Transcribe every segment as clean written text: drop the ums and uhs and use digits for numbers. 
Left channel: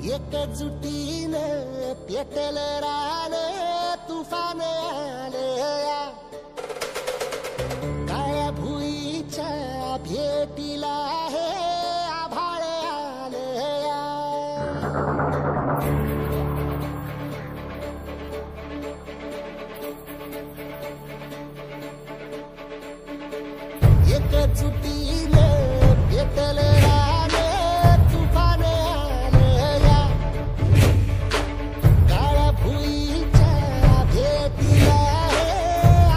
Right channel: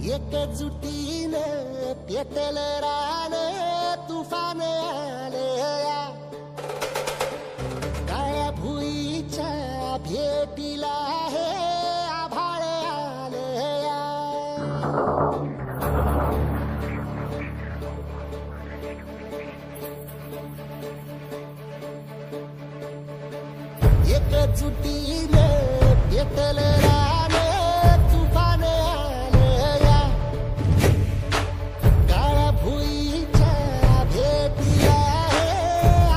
एकजुटीनं पेटलं रान तुफान आलया काळ्या भुईच्या भेटीला हे आभाळ आलया एकजुटीनं पेटलं रान तुफान आलया काळ्या भुईच्या भेटीला हे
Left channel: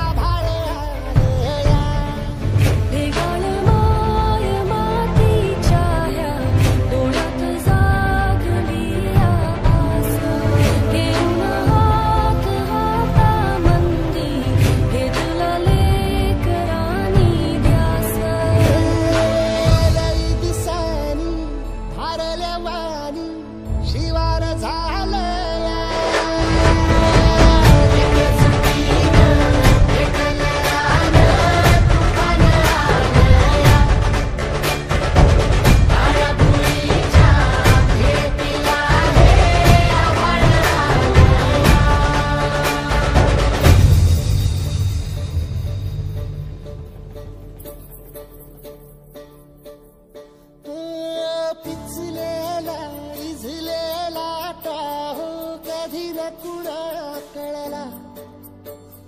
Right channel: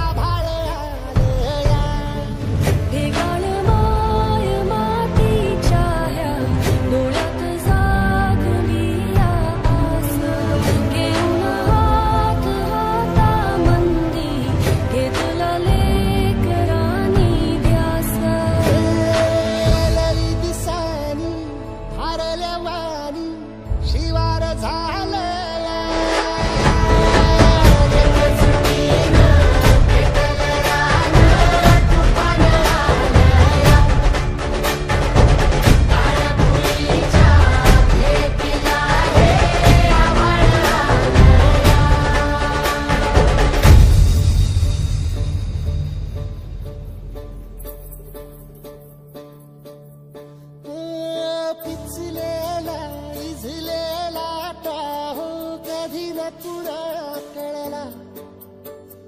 आभाळ आलया भेगाळ माय मातीच्या ह्या डोळ्यात जागली आस घेऊन हात हातामंदी घेतला लेकरांनी ध्यास लई दिसानी भारल्या वाणी शिवार झालया एकजुटीनं पेटलं रान तुफान आलया काळ्या भुईच्या भेटीला हे आभाळ आलया पिचलेला इझलेला टाहो कधी न कुणा कळला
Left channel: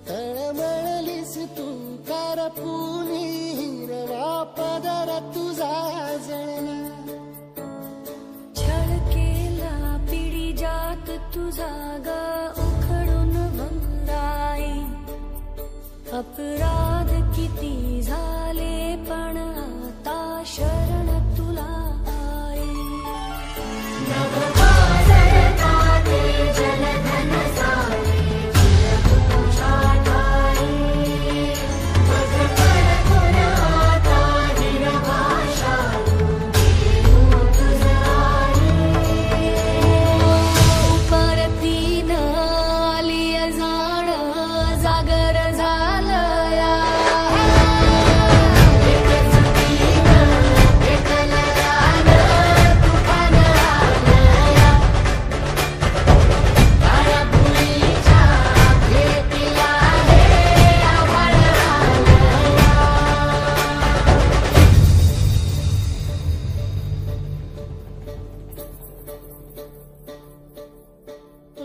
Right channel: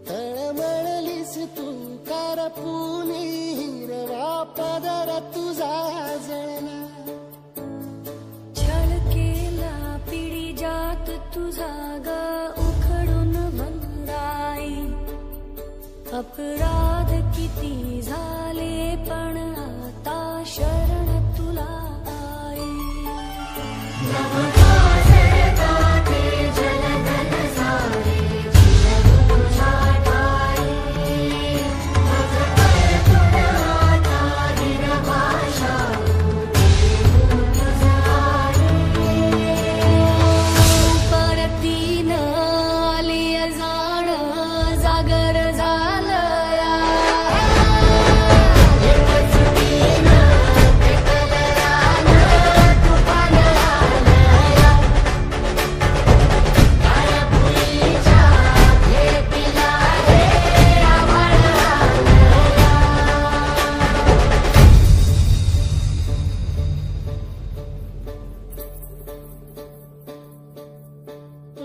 तळमळलीस तू कारपुनी हिरवा पदर तुझा जळला छळ केला पिढी जात तुझा ग उखडून वंगाई अपराध किती झाले